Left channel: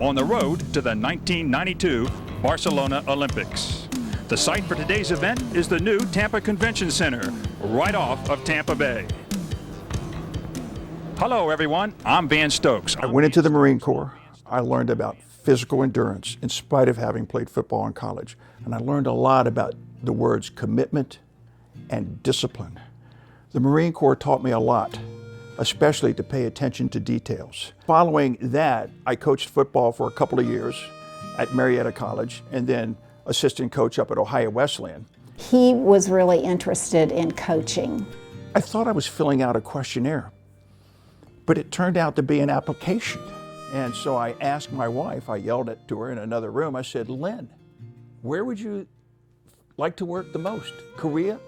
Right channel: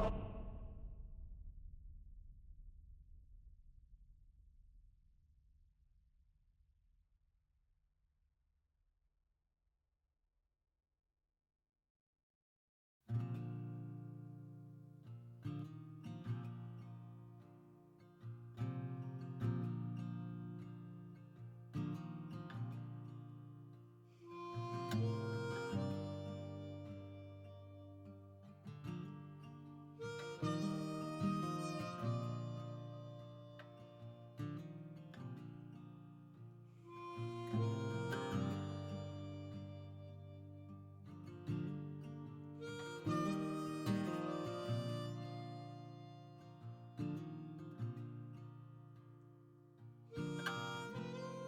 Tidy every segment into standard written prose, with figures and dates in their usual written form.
on the road to the 1992 Barcelona Olympics. The site for today's event is the new Tampa Convention Center, right off of Tampa Bay. Hello, everyone. I'm Van Stokes. I went into the Marine Corps. I learned about physical endurance in spite of having played football in college. And I learned a lot about the words commitment and discipline. The Marine Corps taught me a lot, especially to pay attention to details. Following that, I coached football for a couple of years at Marietta College and then assistant coach up at Ohio Wesleyan. He was really interested in coaching. I thought I was filling out a questionnaire, but it turned out to be an application. And so I asked my wife, I yelled it to her in another room, I said, Lynn, where would you like to work the most? Korea,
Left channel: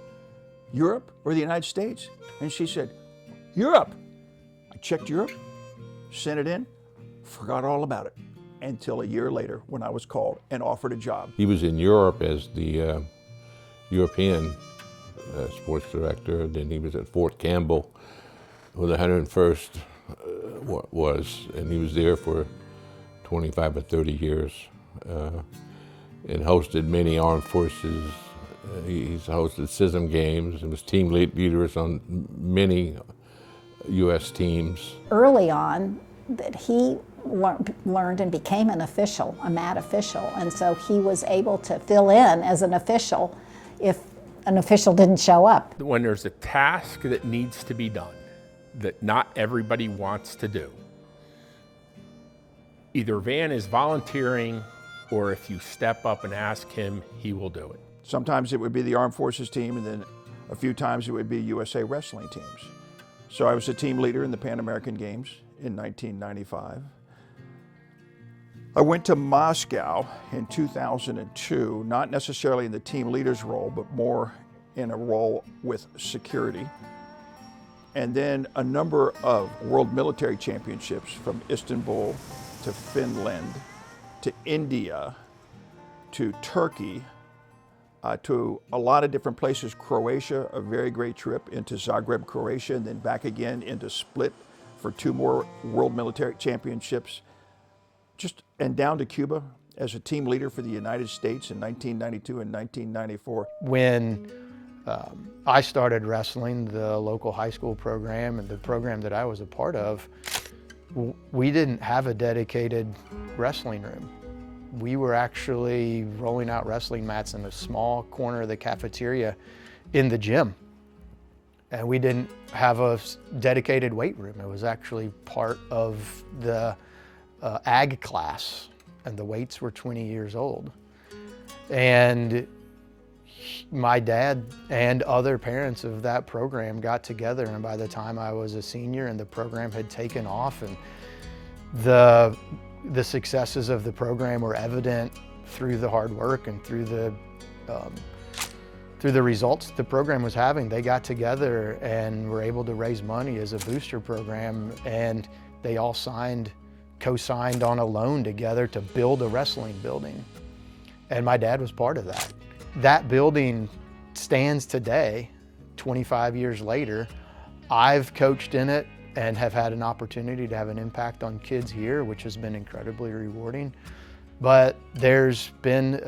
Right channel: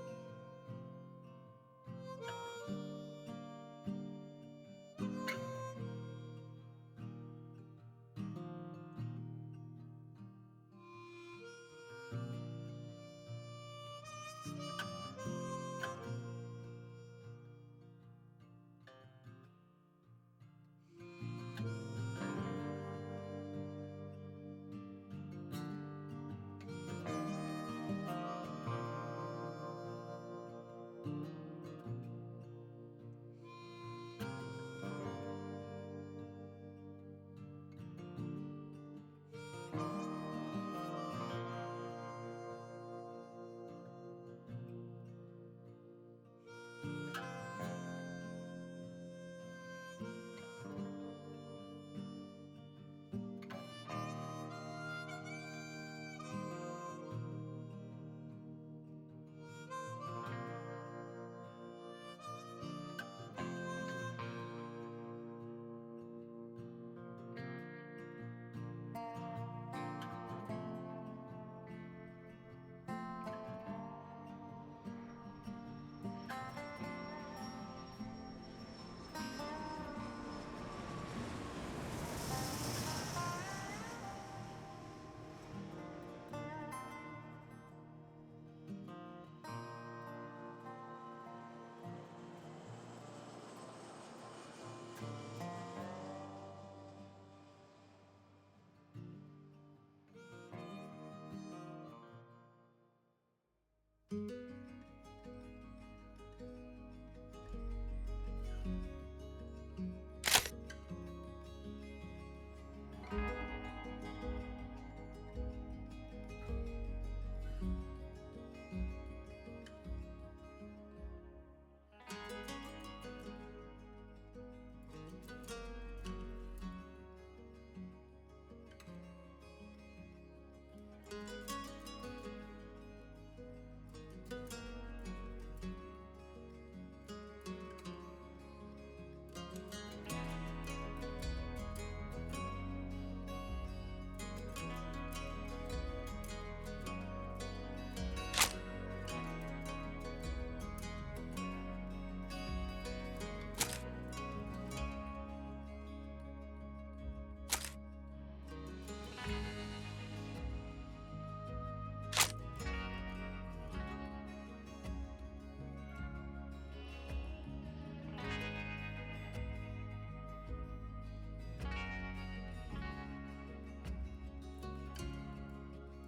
Europe, or the United States? And she said, Europe. I checked Europe, sent it in, forgot all about it until a year later when I was called and offered a job. He was in Europe as the European sports director. Then he was at Fort Campbell, where the 101st was, and he was there for 25 or 30 years and hosted many armed forces. He's hosted CISM games and was team leaders on many U.S. teams. Early on, that he learned and became an official, a MAT official, and so he was able to fill in as an official if an official didn't show up. When there's a task that needs to be done that not everybody wants to do, either Van is volunteering, or if you step up and ask him, he will do it. Sometimes it would be the Armed Forces team, and then a few times it would be USA wrestling teams. So I was a team leader in the Pan American Games in 1995. I went to Moscow in 2002, not necessarily in the team leader's role, but more in a role with security. And then a number of world military championships from Istanbul to Finland to India to Turkey to a lot of different places. Croatia, a very great trip into Zagreb, Croatia, and then back again into Split for 2 more world military championships. And down to Cuba as a team leader for the United States in 1992 and 1994. When I started wrestling, the local high school program and the program that I was a part of, we didn't have a dedicated wrestling room. We were actually rolling out wrestling mats in a small corner of the cafeteria in the gym. And we didn't have a dedicated weight room. It was actually part of the ag class, and the weights were 20 years old. And my dad and other parents of that program got together, and by the time I was a senior and the program had taken off, and the successes of the program were evident through the hard work and through the results the program was having, they got together and were able to raise money as a booster program, and they all co-signed on a loan together to build a wrestling building. And my dad was part of that. That building stands today, 25 years later. I've coached in it and have had an opportunity to have an impact on kids here, which has been incredibly rewarding. But there's been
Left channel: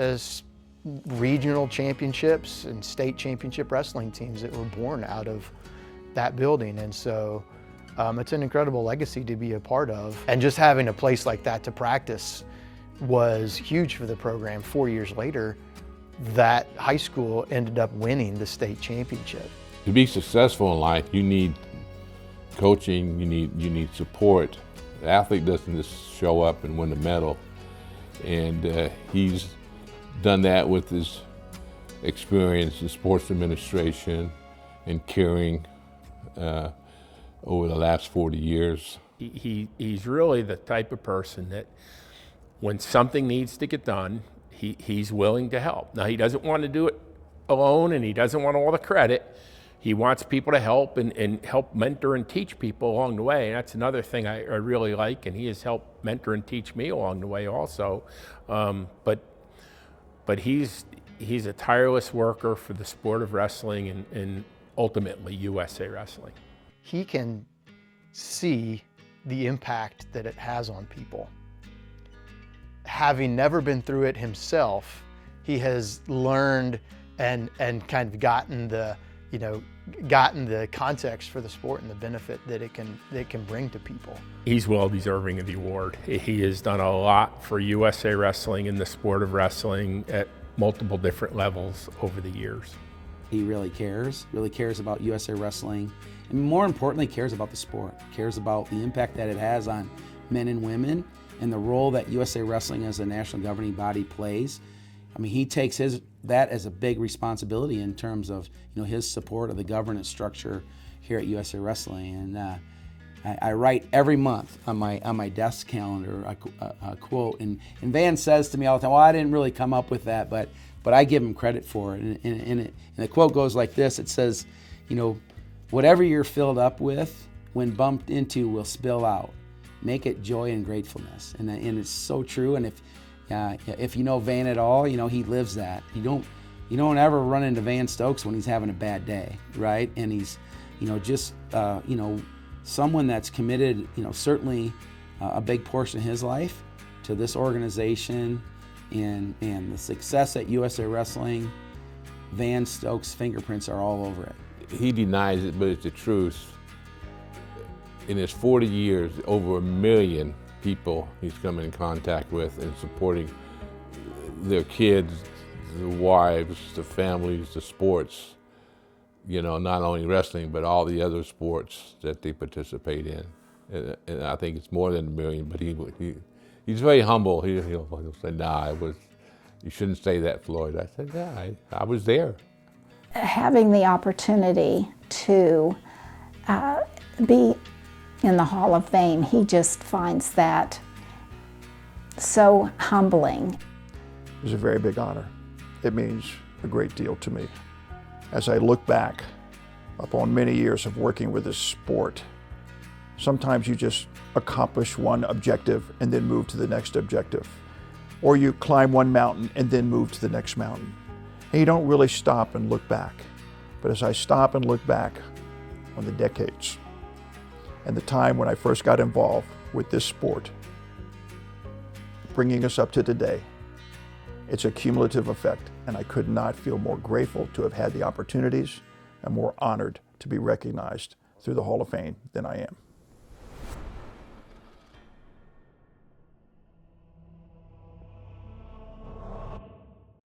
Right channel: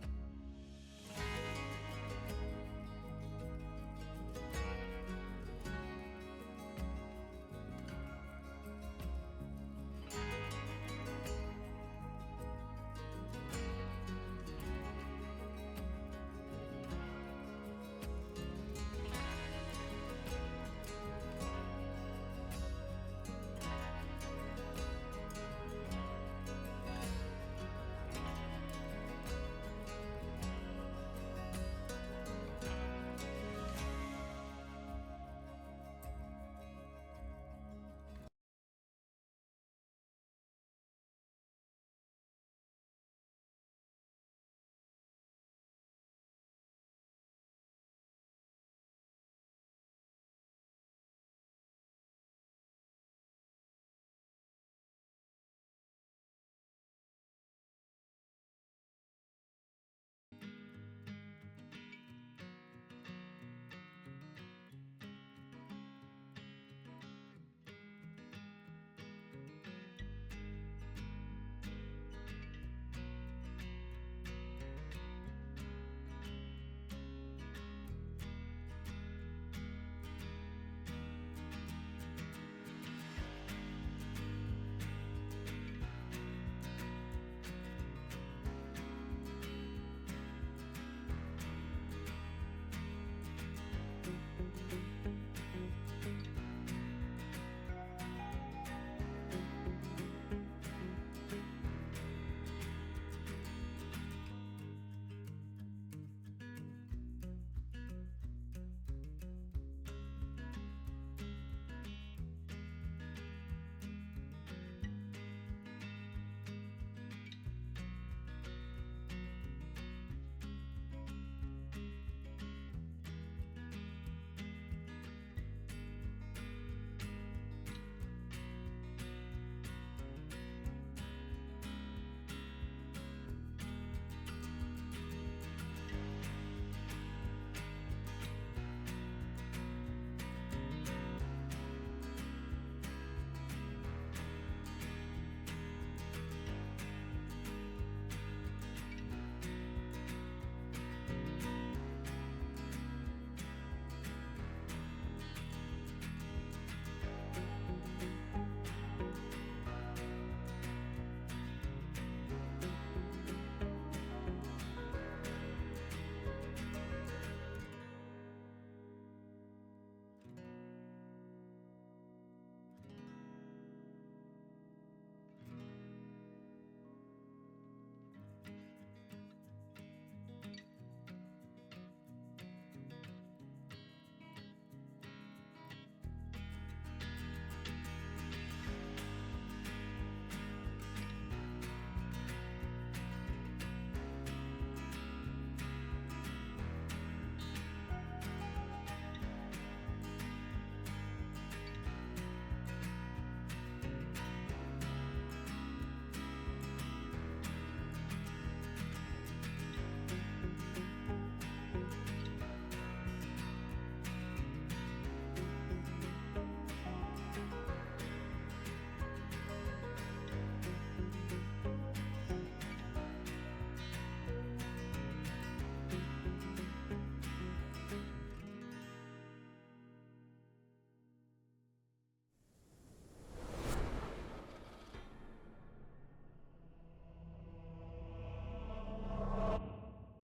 regional championships and state championship wrestling teams that were born out of that building. And so it's an incredible legacy to be a part of. And just having a place like that to practice was huge for the program. 4 years later, that high school ended up winning the state championship. To be successful in life, you need coaching, you need support. The athlete doesn't just show up and win a medal. And he's done that with his experience in sports administration and caring over the last 40 years. He's really the type of person that when something needs to get done, he's willing to help. Now, he doesn't want to do it alone, and he doesn't want all the credit. He wants people to help and help mentor and teach people along the way. And that's another thing I really like, and he has helped mentor and teach me along the way also. But he's a tireless worker for the sport of wrestling and ultimately USA Wrestling. He can see the impact that it has on people. having never been through it himself, he has learned and kind of gotten the, gotten the context for the sport and the benefit that it can bring to people. He's well deserving of the award. He has done a lot for USA Wrestling and the sport of wrestling at multiple different levels over the years. He really cares about USA Wrestling, and more importantly, cares about the sport, cares about the impact that it has on men and women and the role that USA Wrestling as a national governing body plays. I mean, he takes that as a big responsibility in terms of his support of the governance structure here at USA Wrestling. And I write every month on my desk calendar a quote, and Van says to me all the time, "Well, I didn't really come up with that, but I give him credit for it." And the quote goes like this. It says, "Whatever you're filled up with, when bumped into, will spill out. Make it joy and gratefulness." And it's so true. And if you know Van at all, he lives that. You don't ever run into Van Stokes when he's having a bad day, right? And he's, someone that's committed, certainly a big portion of his life to this organization and the success at USA Wrestling. Van Stokes' fingerprints are all over it. He denies it, but it's the truth. In his 40 years, over 1 million people he's come in contact with and supporting their kids, their wives, the families, the sports, not only wrestling, but all the other sports that they participate in. And I think it's more than 1 million, but he's very humble. He'll say, "Nah, you shouldn't say that, Floyd." I said, "Yeah, I was there." Having the opportunity to be in the Hall of Fame, he just finds that so humbling. It was a very big honor. It means a great deal to me. As I look back upon many years of working with this sport, sometimes you just accomplish one objective and then move to the next objective. Or you climb one mountain and then move to the next mountain. And you don't really stop and look back. But as I stop and look back on the decades and the time when I first got involved with this sport, bringing us up to today, it's a cumulative effect, and I could not feel more grateful to have had the opportunities and more honored to be recognized through the Hall of Fame than I am.